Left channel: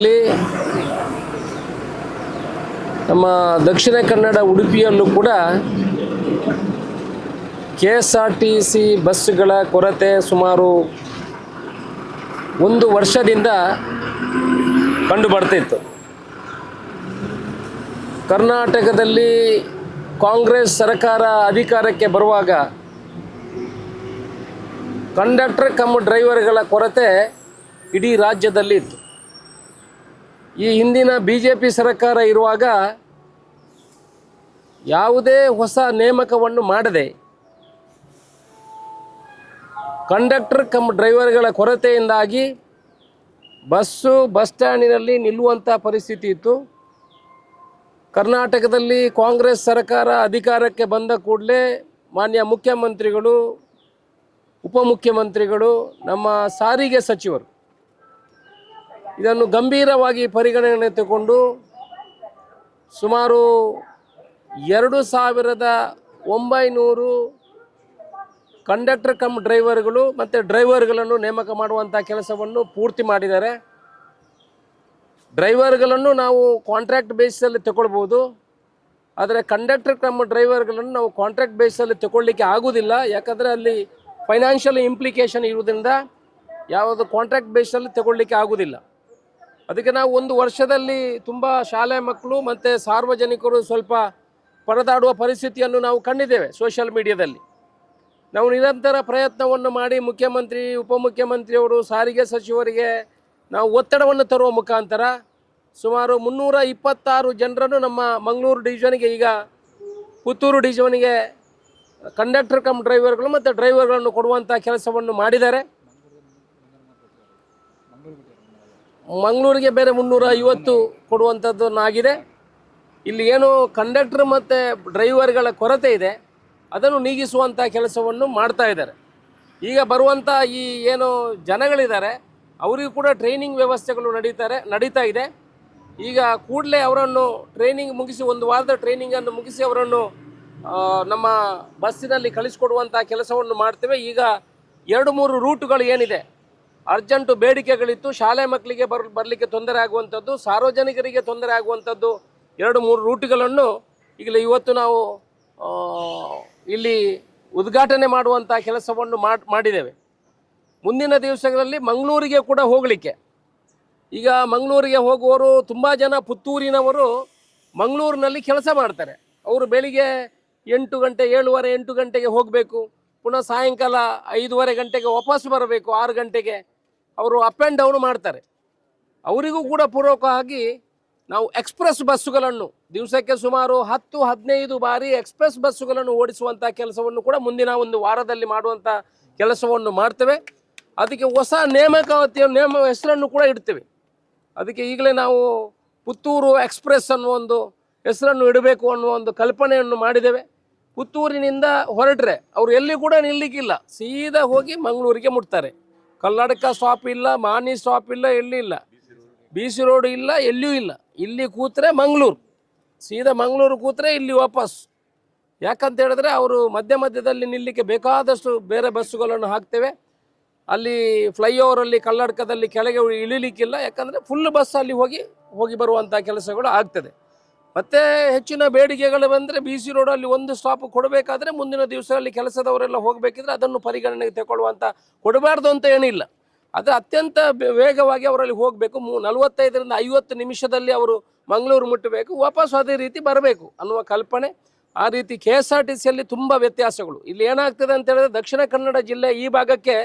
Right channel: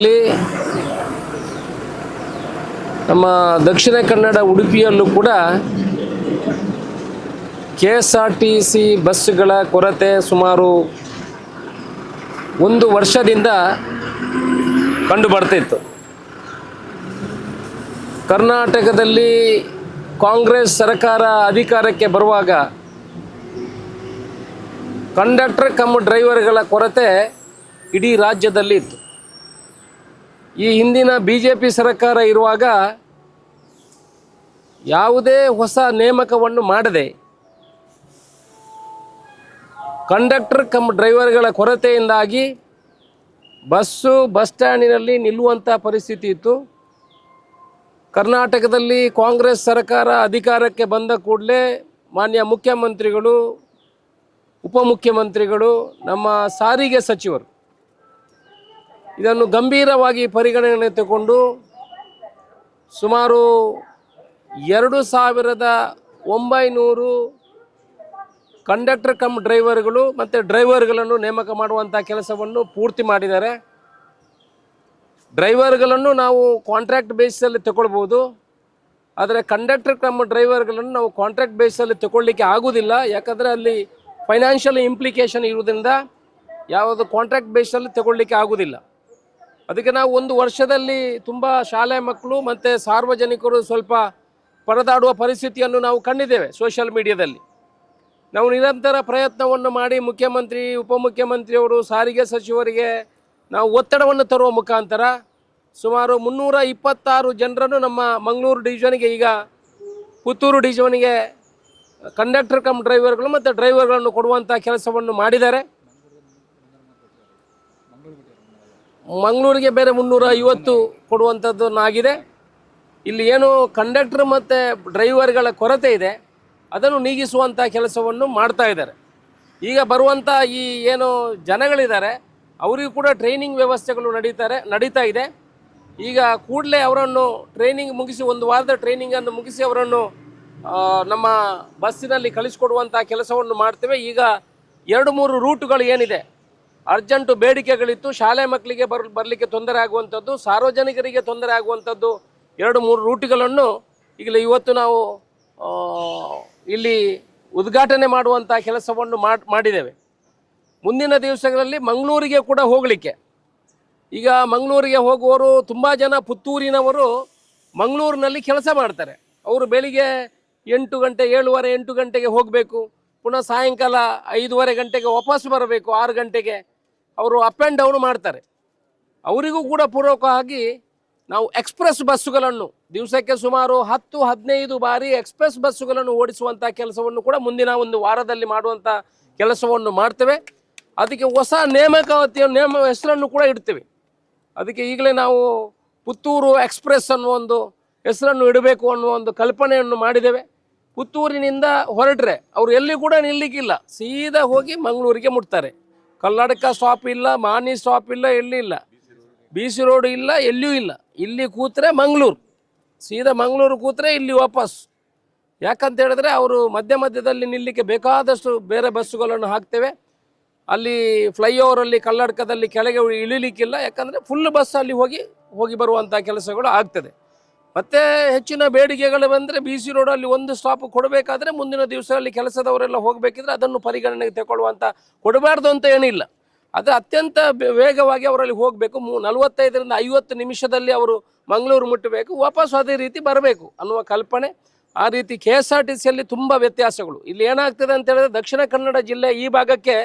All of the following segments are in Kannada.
ಇಲ್ಲಿ ನಮ್ಮ ದಕ್ಷಿಣ ಕನ್ನಡ ಉಡುಪಿಯನ್ನು ಕೂಡ K S R T C ಬಸ್ಸುಗಳ ಕೊರತೆ ಸುಮಾರು ಒಂದು ವರ್ಷದಿಂದ ಕಂಡು ಬರ್ತಿತ್ತು. ಕರ್ನಾಟಕದಲ್ಲಿ ಕಾಂಗ್ರೆಸ್ ಸರ್ಕಾರ ಅಧಿಕಾರಕ್ಕೆ ಬರುವಾಗ ಕಂಡಕ್ಟರ್ ಕಮ್ ಡ್ರೈವರ್ಗಳ ಕೊರತೆ ಇಡೀ ರಾಜ್ಯದಲ್ಲಿ ಇತ್ತು ಈ ಹಿಂದಿನ ಬಿ ಜೆ ಪಿ ಸರ್ಕಾರ ಇರುವಾಗ ಯಾವುದೇ ಹೊಸ ನೇಮಕವನ್ನು ಮಾಡದೆ ಕಂಡಕ್ಟರ್ ಕಮ್ ಡ್ರೈವರ್ಗಳ ಕೊರತೆಯಿಂದಾಗಿ ಬಸ್ಸು ಬಸ್ ಸ್ಟ್ಯಾಂಡಿನಲ್ಲಿ ನಿಲ್ಲುವಂಥ ಪರಿಸ್ಥಿತಿ ಇತ್ತು. ಕರ್ನಾಟಕದಲ್ಲಿ ಕಾಂಗ್ರೆಸ್ ಸರ್ಕಾರ ಅಧಿಕಾರಕ್ಕೆ ಬಂದ ಕೂಡಲೇ ಮಾನ್ಯ ಮುಖ್ಯಮಂತ್ರಿಗಳು, ಉಪಮುಖ್ಯಮಂತ್ರಿಗಳು, ನಮ್ಮ ಸಾರಿಗೆ ಸಚಿವರು ಇದನ್ನು ಗಂಭೀರವಾಗಿ ಪರಿಗಣನೆ ತಗೊಂಡು ಸುಮಾರು ಎರಡು ಸಾವಿರದ ಒಂಬೈನೂರು ಕಂಡಕ್ಟರ್ ಕಮ್ ಡ್ರೈವರ್ಗಳು ಮತ್ತು ಡ್ರೈವರ್ಗಳನ್ನು ನೇಮಕ ಮಾಡುವಂಥ ಕೆಲಸವನ್ನು ಪೂರ್ತಿ ಮಾಡಿದ್ದಾರೆ. ಡ್ರೈವರ್ಗಳನ್ನು ನಾವು ಕಾಂಟ್ರಾಕ್ಟ್ ಬೇಸಲ್ಲಿ ತಗೊಳ್ಬೋದು. ಆದರೆ ಕಂಡಕ್ಟರ್ ಕಮ್ ಡ್ರೈವರ್ಗಳನ್ನು ನಾವು ಕಾಂಟ್ರಾಕ್ಟ್ ಬೇಸಲ್ಲಿ ತಗೊಳ್ಳಿಕ್ಕೆ ಆಗೋದಿಲ್ಲ ಯಾಕಂದರೆ ಅಲ್ಲಿ ಫೈನಾನ್ಷಿಯಲ್ ಇಂಪ್ಲಿಕೇಶನ್ ಇರೋದ್ರಿಂದ ಯಾವುದು ಕಾಂಟ್ರಾಕ್ಟ್ ಬೇಸಲ್ಲಿ ತಗೊಳ್ಳಿಕ್ಕೆ ಆಗೋದಿಲ್ಲ ಅದಕ್ಕೆ ನಾವು ಒಂದು ವರ್ಷದಲ್ಲಿ ತುಂಬ ಶಾಲೆ ಮಕ್ಕಳು ಮತ್ತು ಸಾರ್ವಜನಿಕರು ಸ್ವಲ್ಪ ಪರದಾಡುವ ಪರಿಸ್ಥಿತಿಯನ್ನು ನಾವು ಕಂಡಿದ್ದೇವೆ ಸೋಷಿಯಲ್ ಮೀಡಿಯಾದಲ್ಲಿ ನಾವು ನಿರಂತರ ಪ್ರಯತ್ನವನ್ನು ಮಾಡಿ ಮುಖ್ಯಮಂತ್ರಿ, ಉಪಮುಖ್ಯಮಂತ್ರಿಯವರು, ಸಾರಿಗೆ ಸಚಿವರಿಗೆ ನಾವು ಒತ್ತಡವನ್ನು ತರುವ ಮುಖಾಂತರ ಸುಮಾರು ಮುನ್ನೂರ ಇಪ್ಪತ್ತಾರು ಜನರನ್ನು ನಮ್ಮ ಮಂಗಳೂರು ಡಿವಿಷನ್ಗೆ ಈಗ ಪುತ್ತೂರು ಡಿವಿಷನ್ಗೆ ಕಂಡಕ್ಟರ್ ಕಮ್ ಡ್ರೈವರ್ಗಳು ಮತ್ತು ಡ್ರೈವರ್ಗಳನ್ನು ಕೊಡುವಂಥ ಕೆಲಸವನ್ನು ಮಾಡಿದ್ದಾರೆ. ಮಂಗಳೂರಿಗೆ ಬೇರೆ ಮುನ್ನೂರ ಐವತ್ತು ಕೊಡುವಂಥದ್ದನ್ನಾಗಿದೆ ಇಲ್ಲಿ ಏನು ಕಂಡಕ್ಟರ್ ಮತ್ತು ಡ್ರೈವರ್ಗಳ ಕೊರತೆ ಇದೆ. ಅದನ್ನು ನೀಗಿಸುವಂಥ ಕೆಲಸವನ್ನು ಮಾಡ್ತಾ ಇದ್ದಾರೆ. ಈಗ ಬರುವಂಥ ಈ ಏನು ಜನಗಳಿದ್ದಾರೆ, ಅವರಿಗೂ ಕೂಡ ಟ್ರೈನಿಂಗ್ ವ್ಯವಸ್ಥೆಗಳು ನಡೀತಾರೆ, ನಡೀತಾ ಇದೆ. ಈಗ ಕೂಡಲೇ ಅವರನ್ನು ಟ್ರೈನಿಂಗ್ ಮುಗಿಸಿ, ಒಂದು ವಾರದ ಟ್ರೈನಿಂಗನ್ನು ಮುಗಿಸಿ ಅವರನ್ನು ನಮ್ಮ ಬಸ್ಸಿನಲ್ಲಿ ಕಳಿಸಿಕೊಡುವಂಥ ಕೆಲಸವನ್ನು ಮಾಡ್ತೇವೆ. ಈಗ ಎರಡು ಮೂರು ರೂಟುಗಳು ಏನಿದೆ ಅರ್ಜೆಂಟು ಬೇಡಿಕೆಗಳಿತ್ತು, ಶಾಲೆ ಮಕ್ಕಳಿಗೆ ಬರ್, ಬರಲಿಕ್ಕೆ ತೊಂದರೆ ಆಗುವಂಥದ್ದು, ಸಾರ್ವಜನಿಕರಿಗೆ ತೊಂದರೆ ಆಗುವಂಥದ್ದು ಎರಡು ಮೂರು ರೂಟುಗಳನ್ನು ಈಗಲೇ ಇವತ್ತು ನಾವು ಇಲ್ಲಿ ಉದ್ಘಾಟನೆ ಮಾಡುವಂಥ ಕೆಲಸವನ್ನು ಮಾಡ್, ಮಾಡಿದ್ದೇವೆ. ಮುಂದಿನ ದಿವಸಗಳಲ್ಲಿ ಮಂಗಳೂರಿಗೆ ಕೂಡ ಹೋಗಲಿಕ್ಕೆ. ಈಗ ಮಂಗಳೂರಿಗೆ ಹೋಗುವವರು ತುಂಬ ಜನ ಪುತ್ತೂರಿನವರು ಮಂಗಳೂರಿನಲ್ಲಿ ಕೆಲಸ ಮಾಡ್ತಾರೆ. ಅವರು ಬೆಳಿಗ್ಗೆ ಎಂಟು ಗಂಟೆ, ಏಳುವರೆ, ಎಂಟು ಗಂಟೆಗೆ ಹೋಗಬೇಕು. ಪುನಃ ಸಾಯಂಕಾಲ ಐದೂವರೆ ಗಂಟೆಗೆ ವಾಪಸ್ ಬರಬೇಕು, ಆರು ಗಂಟೆಗೆ. ಅವರು ಅಪ್ ಆ್ಯಂಡ್ ಡೌನ್ ಮಾಡ್ತಾರೆ. ಅವರಿಗೂ ಕೂಡ ಪೂರ್ವಕವಾಗಿ ನಾವು ಎಕ್ಸ್ಪ್ರೆಸ್ ಬಸ್ಸುಗಳನ್ನು ದಿವಸಕ್ಕೆ ಸುಮಾರು ಹತ್ತು, ಹದಿನೈದು ಬಾರಿ ಎಕ್ಸ್ಪ್ರೆಸ್ ಬಸ್ಸುಗಳನ್ನು ಓಡಿಸುವಂಥ ಕೆಲಸವನ್ನು ಕೂಡ ಮುಂದಿನ ಒಂದು ವಾರದಲ್ಲಿ ಮಾಡುವಂಥ ಕೆಲಸವನ್ನು ಮಾಡ್ತೇವೆ. ಅದಕ್ಕೆ ಹೊಸ ನೇಮಕಾತಿಯ ನೇಮ ಹೆಸರನ್ನು ಕೂಡ ಇಡ್ತೇವೆ. ಅದಕ್ಕೆ ಈಗಲೇ ನಾವು ಪುತ್ತೂರು ಎಕ್ಸ್ಪ್ರೆಸ್ ಅನ್ನುವ ಒಂದು ಹೆಸರನ್ನು ಇಡಬೇಕು ಅನ್ನುವ ಒಂದು ಕಲ್ಪನೆಯನ್ನು ಮಾಡಿದ್ದೇವೆ. ಪುತ್ತೂರಿನಿಂದ ಹೊರಟ್ರೆ ಅವರು ಎಲ್ಲಿ ಕೂಡ ನಿಲ್ಲಿಕ್ಕಿಲ್ಲ. ಸೀದಾ ಹೋಗಿ ಮಂಗಳೂರಿಗೆ ಮುಟ್ತಾರೆ. ಕಲ್ಲಡಕ ಸ್ಟಾಪ್ ಇಲ್ಲ ಮಾನಿ ಸ್ಟಾಪ್ ಇಲ್ಲ, ಎಲ್ಲಿ ಇಲ್ಲ. ಬಿ ಸಿ ರೋಡ್ ಇಲ್ಲ, ಎಲ್ಲಿಯೂ ಇಲ್ಲ. ಇಲ್ಲಿ ಕೂತ್ರೆ ಮಂಗಳೂರು. ಸೀದಾ ಮಂಗಳೂರು ಕೂತ್ರೆ ಇಲ್ಲಿ ವಾಪಸ್. ಯಾಕಂತ ಹೇಳಿದ್ರೆ ಅವರು ಮಧ್ಯ ಮಧ್ಯದಲ್ಲಿ ನಿಲ್ಲಿಕ್ಕೆ ಬೇಕಾದಷ್ಟು ಬೇರೆ ಬಸ್ಸುಗಳನ್ನು ಹಾಕ್ತೇವೆ. ಅಲ್ಲಿ ಫ್ಲೈಓವರಲ್ಲಿ ಕಲ್ಲಡ್ಕದಲ್ಲಿ ಕೆಳಗೆ ಇಳಿಲಿಕ್ಕಿಲ್ಲ. ಯಾಕಂದರೆ ಫುಲ್ ಬಸ್ ಅಲ್ಲಿ ಹೋಗಿ ಹೋಗಿ ಬರುವಂಥ ಕೆಲಸಗಳು ಆಗ್ತದೆ. ಮತ್ತೆ ಹೆಚ್ಚಿನ ಬೇಡಿಕೆಗಳು ಬಂದರೆ ಬಿ ಸಿ ರೋಡಲ್ಲಿ ಒಂದು ಸ್ಟಾಪ್ ಕೊಡಬೇಕಾದ್ರೆ ಮುಂದಿನ ದಿವಸದಲ್ಲಿ ಕೆಲಸದವರೆಲ್ಲ ಹೋಗಬೇಕಿದ್ರೆ ಅದನ್ನು ಪರಿಗಣನೆಗೆ ತಗೊಳ್ಳುವಂಥ ಕೊಡಬಾರ್ದು ಅಂತ ಏನಿಲ್ಲ. ಆದರೆ ಅತ್ಯಂತ ವೇಗವಾಗಿ ಅವರಲ್ಲಿ ಹೋಗಬೇಕು. ಮೂ, ನಲವತ್ತೈದರಿಂದ ಐವತ್ತು ನಿಮಿಷದಲ್ಲಿ ಅವರು ಮಂಗಳೂರು ಮುಟ್ಟಬೇಕು ವಾಪಸ್ ಅದೇ ರೀತಿ ಬರಬೇಕು. ಅನ್ನುವ ಕಲ್ಪನೆ, ಆ ರೀತಿ ಕೆ ಎಸ್ ಆರ್ ಟಿ ಸಿಯಲ್ಲಿ ತುಂಬ ವ್ಯತ್ಯಾಸಗಳು. ಇಲ್ಲಿ ಏನಾಗ್ತದೆ ಅಂತ ಹೇಳಿದ್ರೆ ದಕ್ಷಿಣ ಕನ್ನಡ ಜಿಲ್ಲೆ ಈ ಭಾಗಕ್ಕೆ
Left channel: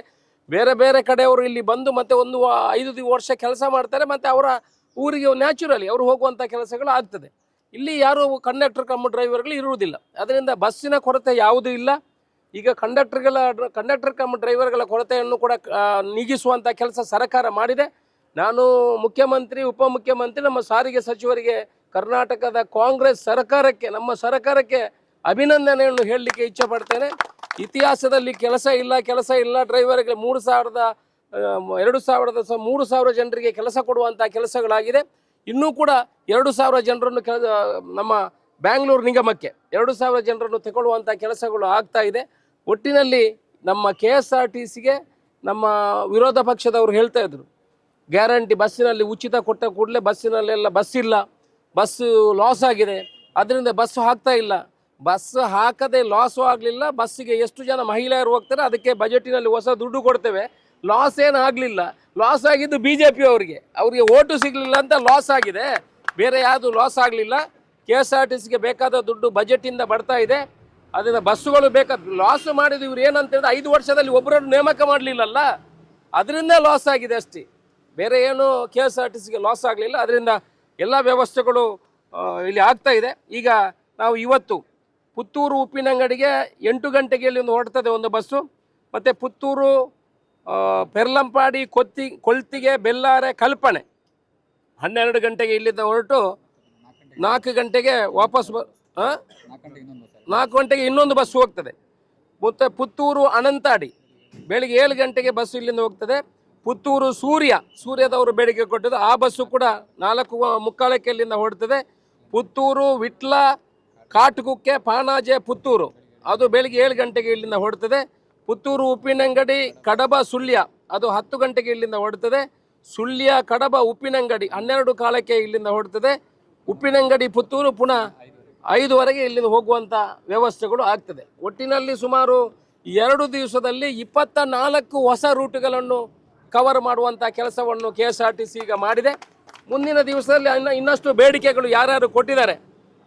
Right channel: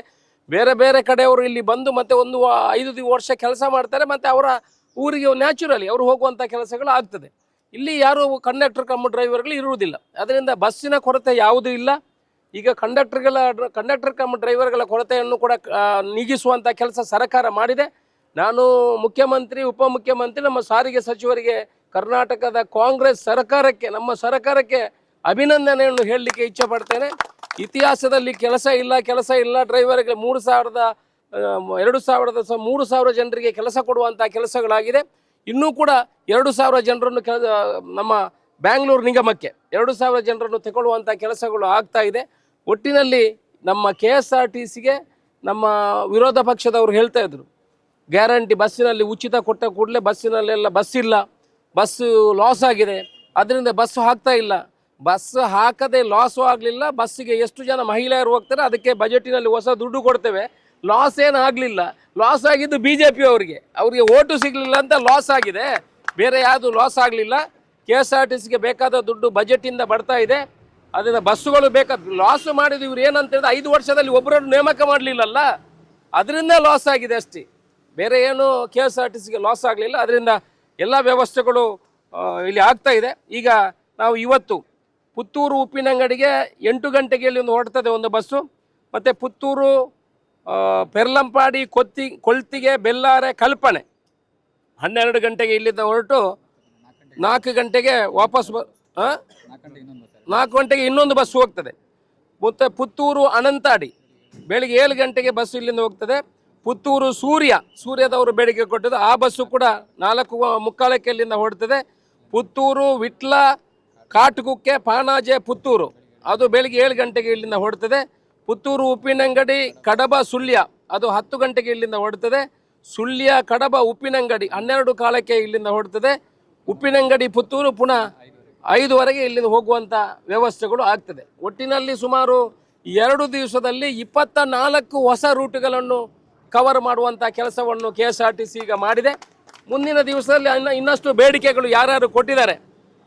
ಬೇರೆ ಬೇರೆ ಕಡೆಯವರು ಇಲ್ಲಿ ಬಂದು ಮತ್ತೆ ಒಂದು ಐದು ವರ್ಷ ಕೆಲಸ ಮಾಡ್ತಾರೆ. ಮತ್ತೆ ಅವರ ಊರಿಗೆ ನ್ಯಾಚುರಲಿ ಅವರು ಹೋಗುವಂಥ ಕೆಲಸಗಳು ಆಗ್ತದೆ. ಇಲ್ಲಿ ಯಾರು ಕಂಡಕ್ಟರ್ ಕಮ್ಮ ಡ್ರೈವರ್ಗಳು ಇರುವುದಿಲ್ಲ. ಅದರಿಂದ ಬಸ್ಸಿನ ಕೊರತೆ ಯಾವುದೂ ಇಲ್ಲ. ಈಗ ಕಂಡಕ್ಟರ್ಗಳ ಕಂಡಕ್ಟರ್ ಕಮ್ಮ ಡ್ರೈವರ್ಗಳ ಕೊರತೆಯನ್ನು ಕೂಡ ನೀಗಿಸುವಂಥ ಕೆಲಸ ಸರ್ಕಾರ ಮಾಡಿದೆ. ನಾನು ಮುಖ್ಯಮಂತ್ರಿ, ಉಪಮುಖ್ಯಮಂತ್ರಿ, ನಮ್ಮ ಸಾರಿಗೆ ಸಚಿವರಿಗೆ ಕರ್ನಾಟಕದ ಕಾಂಗ್ರೆಸ್ ಸರ್ಕಾರಕ್ಕೆ, ನಮ್ಮ ಸರ್ಕಾರಕ್ಕೆ ಅಭಿನಂದನೆಯನ್ನು ಹೇಳಲಿಕ್ಕೆ ಇಚ್ಛೆ ಪಡ್ತೇನೆ. ಇತಿಹಾಸದಲ್ಲಿ ಕೆಲಸ ಇಲ್ಲ ಕೆಲಸ ಇಲ್ಲ. ಡ್ರೈವರ್ಗೆ ಮೂರು ಸಾವಿರದ ಎರಡು ಸಾವಿರದ, ಮೂರು ಸಾವಿರ ಜನರಿಗೆ ಕೆಲಸ ಕೊಡುವಂಥ ಕೆಲಸಗಳಾಗಿದೆ. ಇನ್ನೂ ಕೂಡ ಎರಡು ಸಾವಿರ ಜನರನ್ನು ನಮ್ಮ ಬ್ಯಾಂಗ್ಳೂರು ನಿಗಮಕ್ಕೆ ಎರಡು ಸಾವಿರ ಜನರನ್ನು ತಗೊಳ್ಳುವಂಥ ಕೆಲಸಗಳು ಆಗ್ತಾ ಇದೆ. ಒಟ್ಟಿನಲ್ಲಿ ನಮ್ಮ ಕೆ ಎಸ್ ಆರ್ ಟಿ ಸಿಗೆ ನಮ್ಮ ವಿರೋಧ ಪಕ್ಷದವರು ಹೇಳ್ತಾ ಇದ್ರು, ಗ್ಯಾರಂಟಿ ಬಸ್ಸಿನಲ್ಲಿ ಉಚಿತ ಕೊಟ್ಟ ಕೂಡಲೇ ಬಸ್ಸಿನಲ್ಲೆಲ್ಲ ಬಸ್ ಇಲ್ಲ ಬಸ್ಸು ಲಾಸ್ ಆಗಿದೆ, ಅದರಿಂದ ಬಸ್ಸು ಹಾಕ್ತಾ ಇಲ್ಲ. ಬಸ್ ಹಾಕದೆ ಲಾಸು ಆಗಲಿಲ್ಲ, ಬಸ್ಸಿಗೆ ಎಷ್ಟು ಜನ ಮಹಿಳೆಯರು ಹೋಗ್ತಾರೆ ಅದಕ್ಕೆ ಬಜೆಟಿನಲ್ಲಿ ಹೊಸ ದುಡ್ಡು ಕೊಡ್ತೇವೆ. ಲಾಸ್ ಏನು ಆಗಲಿಲ್ಲ. ಲಾಸ್ ಆಗಿದ್ದು ಬಿ ಜೆ ಪಿ ಅವರಿಗೆ. ಅವರಿಗೆ ಓಟು ಸಿಗಲಿಲ್ಲ ಅಂತ ಲಾಸ್ ಆಗಿದೆ. ಬೇರೆ ಯಾವುದು ಲಾಸ್ ಆಗಲಿಲ್ಲ. ಕೆ ಎಸ್ ಆರ್ ಟಿ ಸಿಗೆ ಬೇಕಾದ ದುಡ್ಡು ಬಜೆಟಿಂದ ಬರ್ತಾ ಇದೆ. ಅದರಿಂದ ಬಸ್ಸುಗಳು ಬೇಕಾದ ಲಾಸ್ ಮಾಡಿದ ಇವ್ರು ಏನಂತ ಹೇಳಿದ್ರೆ ಐದು ವರ್ಷದಲ್ಲಿ ಒಬ್ಬರನ್ನು ನೇಮಕ ಮಾಡಲಿಲ್ಲಲ್ಲ. ಅದರಿಂದ ಲಾಸ್ ಆಗಿದೆ ಅಷ್ಟೇ. ಬೇರೆ ಏನು ಕೆ ಎಸ್ ಆರ್ ಟಿ ಸಿಗೆ ಲಾಸ್ ಆಗಲಿಲ್ಲ. ಅದರಿಂದ ಎಲ್ಲ ವ್ಯವಸ್ಥೆಗಳು ಇಲ್ಲಿ ಆಗ್ತಾ ಇದೆ. ಈಗ ನಾವು ಇವತ್ತು ಪುತ್ತೂರು ಉಪ್ಪಿನಂಗಡಿಗೆ ಎಂಟು ಗಂಟೆಗೆ ಇಲ್ಲಿ ಒಂದು ಹೊರಡ್ತದೆ ಒಂದು ಬಸ್ಸು. ಮತ್ತು ಪುತ್ತೂರು ಪೆರ್ಲಂಪಾಡಿ ಕೊತ್ತಿ, ಕೊಳ್ತಿಗೆ ಬೆಲ್ಲಾರೆ ಕಲ್ಪನೆ. ಹನ್ನೆರಡು ಗಂಟೆಗೆ ಇಲ್ಲಿಂದ ಹೊರಟು ನಾಲ್ಕು ಗಂಟೆಗೆ ವಾಪಸ್ ಬ? ನಾಲ್ಕು ಗಂಟೆಗೆ ಇನ್ನೊಂದು ಬಸ್ ಹೋಗ್ತದೆ. ಮತ್ತು ಪುತ್ತೂರು ಅನಂತಾಡಿ, ಬೆಳಿಗ್ಗೆ ಏಳು ಗಂಟೆಗೆ ಬಸ್ ಇಲ್ಲಿಂದ ಹೋಗ್ತದೆ. ಪುತ್ತೂರು ಸೂರ್ಯ, ಸೂರ್ಯದವರು ಬೆಳಿಗ್ಗೆ ಕೊಟ್ಟದ್ದು, ಆ ಬಸ್ಸು ಕೂಡ ನಾಲ್ಕು ಮುಕ್ಕಾಲಕ್ಕೆ ಇಲ್ಲಿಂದ ಹೊರಡ್ತದೆ. ಪುತ್ತೂರು, ವಿಟ್ಲ, ಕಾಟುಗುಕ್ಕೆ, ಪಾಣಾಜೆ, ಪುತ್ತೂರು. ಅದು ಬೆಳಿಗ್ಗೆ ಏಳು ಗಂಟೆಗೆ ಇಲ್ಲಿಂದ ಹೊರಡ್ತದೆ. ಪುತ್ತೂರು ಉಪ್ಪಿನಂಗಡಿ ಕಡಬ ಸುಳ್ಯ. ಅದು ಹತ್ತು ಗಂಟೆಗೆ ಇಲ್ಲಿಂದ ಹೊರಡ್ತದೆ. ಸುಳ್ಯ, ಕಡಬ, ಉಪ್ಪಿನಂಗಡಿ ಹನ್ನೆರಡು ಕಾಲಕ್ಕೆ ಇಲ್ಲಿಂದ ಹೊರಡ್ತದೆ. ಉಪ್ಪಿನಂಗಡಿ, ಪುತ್ತೂರು ಪುನಃ ಐದುವರೆಗೆ ಇಲ್ಲಿಂದ ಹೋಗುವಂಥ ವ್ಯವಸ್ಥೆಗಳು ಆಗ್ತದೆ. ಒಟ್ಟಿನಲ್ಲಿ ಸುಮಾರು ಎರಡು ದಿವಸದಲ್ಲಿ ಇಪ್ಪತ್ತ ನಾಲ್ಕು ಹೊಸ ರೂಟ್ಗಳನ್ನು ಕವರ್ ಮಾಡುವಂಥ ಕೆಲಸವನ್ನು K S R T C ಈಗ ಮಾಡಿದೆ. ಮುಂದಿನ ದಿವಸದಲ್ಲಿ ಇನ್ನ, ಇನ್ನಷ್ಟು ಬೇಡಿಕೆಗಳು ಯಾರ್ಯಾರು ಕೊಟ್ಟಿದ್ದಾರೆ,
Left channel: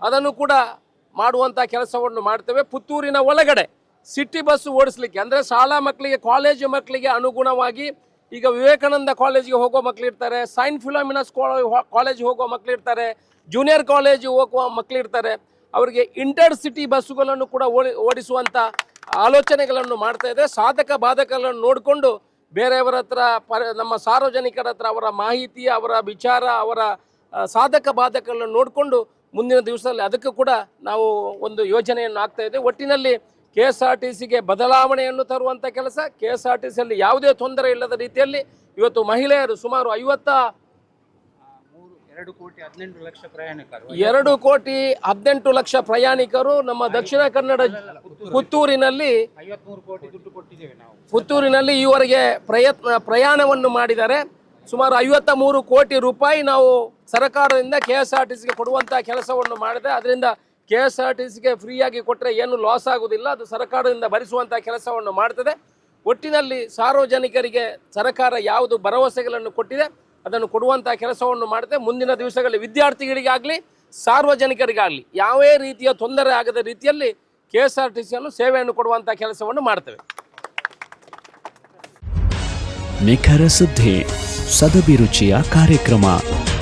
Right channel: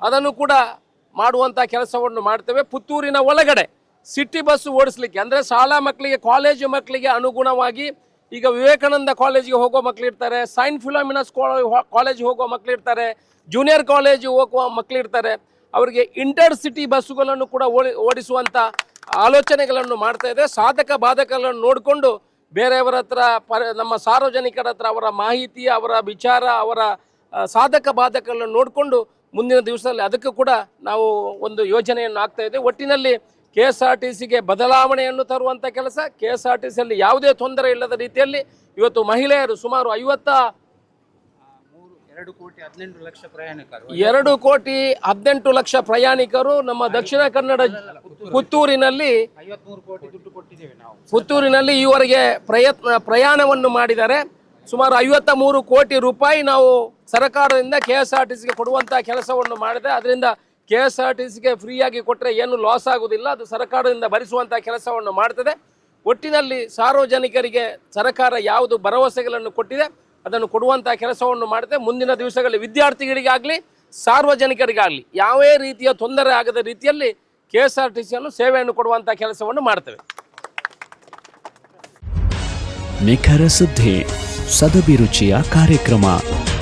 ಅದನ್ನು ಕೂಡ ಮಾಡುವಂಥ ಕೆಲಸವನ್ನು ಮಾಡ್ತೇವೆ. ಪುತ್ತೂರಿನ ಒಳಗಡೆ ಸಿಟಿ ಬಸ್ ಓಡಿಸ್ಲಿಕ್ಕೆ, ಅಂದರೆ ಶಾಲಾ ಮಕ್ಕಳಿಗೆ ಕಾಲೇಜು ಮಕ್ಕಳಿಗೆ ಅನುಗುಣವಾಗಿ ಈಗ ವಿವೇಕಾನಂದ ಕಾಲೇಜಿಗೆ ಹೋಗೋ ಮಕ್ಕಳು ಇರ್ತಾರೆ ಸೈನ್ ಫಿಲೋಮಿನಸ್ ಕಾಲೇಜ್ ಹೋಗೋ ಮಕ್ಕಳು ಇರ್ತಾರೆ ಜೂನಿಯರ್ ಕಾಲೇಜು ಹೋಗುವ ಮಕ್ಕಳು ಇರ್ತಾರೆ, ಅವರಿಗೆ ಇಂಟರ್ ಸಿಟಿ ಬಸ್ಸುಗಳನ್ನು ಕೂಡ ಓಡಿ ಓಡಿಸುವಂಥ ಆಲೋಚನೆಗಳನ್ನು ಮಾಡ್ತಾ ಇದೆ. ಸಾಧಕ ಬಾಧಕಗಳನ್ನು ನೋಡಿಕೊಂಡು ಬೇರೆಯವರ ಹತ್ರ ನಮ್ಮ ಸಾರ್ವಜನಿಕರ ಹತ್ರ ಅವರ ಮಾಹಿತಿ, ಅವರ ವಿಚಾರ, ಅವರ ಸಾಧಕ ಬಾಧಕಗಳನ್ನು ನೋಡಿಕೊಂಡು ಮುಂದಿನ ದಿವಸದಲ್ಲಿ ಅದಕ್ಕೂ ಕೂಡ ನಾವು ಒಂದು ಯೋಜನೆಯನ್ನು ಆಗ್ತಾ ಇದೆ ಒಟ್ಟಿನಲ್ಲಿ ಕೆ ಎಸ್ ಆರ್ ಟಿ ಸಿಗೆ ಬದಲಾವಣೆಯನ್ನು ತರುವಂಥ ಕೆಲಸ. ಕೆ ಎಸ್ ಆರ್ ಟಿ ಸಿಯಲ್ಲಿ ಯಾವುದೇ ತೊಂದರೆ ಇಲ್ಲದ ರೀತಿಯಲ್ಲಿ ಇವತ್ತು ಮಹಿಳೆಯರು ಸುಮಾರು ಐವತ್ತ ಎರಡು ಕೋಟಿ ಹದಿನೆಂಟು ಲಕ್ಷ ಪ್ರಯಾಣಿಕರು ನಮ್ಮ ದಕ್ಷಿಣ ಕನ್ನಡ ಪುತ್ತೂರಿನಲ್ಲಿ ಪುತ್ತೂರಿನಲ್ಲಿ ಈವರೆಗೆ ಪ್ರಯತ್ನ ಪ್ರಯಾಣವನ್ನು ಮಾಡಿದ್ದಾರೆ. ಸುಮಾರು ಐವತ್ತ ಮೂರು ಕೋಟಿ ರೂಪಾಯಿ ನಾವು ಸರ್ಕಾರದಿಂದ ಕೆ ಎಸ್ ಆರ್ ಟಿ ಸಿಗೆ ಕೊಡುವಂಥ ಕೆಲಸವನ್ನು ಮಾಡಿದೆ. ಅದರಿಂದ ಕೆ ಎಸ್ ಆರ್ ಟಿ ಸಿಗೆ ಫ್ರೀಯಾಗಿ ಕೊಟ್ಟರೆ ಏನು ಲಾಸ್ ಆಗುವುದಿಲ್ಲ ಅದು ಸರ್ಕಾರದಿಂದ ಭರಿಸುವಂಥ ಕೆಲಸವನ್ನು ಮಾಡ್ತದೆ. ಒಟ್ಟಿನಲ್ಲಿ ಸಾರ್ವಜನಿಕರಿಗೆ ಸರ್ಕಾರ ಯಾವುದು ಭರವಸೆಗಳನ್ನು ಕೊಟ್ಟಿದೆ, ಅದನ್ನು ಕೊಡುವಂಥ ಕೆಲಸವನ್ನು ಮಾಡಿದೆ ಮುಂದಿನ ದಿವಸಗಳಲ್ಲಿ ವಿದ್ಯಾರ್ಥಿಗಳಿಗಾಗಲಿ, ಸಾರ್ವಜನಿಕರಿಗಾಗಲಿ ಯಾವೇ ರೀತಿಯ ತೊಂದರೆ ಆಗದ ರೀತಿಯಲ್ಲಿ ಕೆ ಎಸ್ ಆರ್ ಟಿ ಸಿಯನ್ನು ಸೇವೆಯನ್ನು ಕೊಡುವಂಥ ಕೆಲಸವನ್ನು ಮಾಡ್ತೇವೆ. ನಿಖರ ಸುದ್ದಿ, ಸದಭಿರುಚಿಯ ಕಾರ್ಯಕ್ರಮ.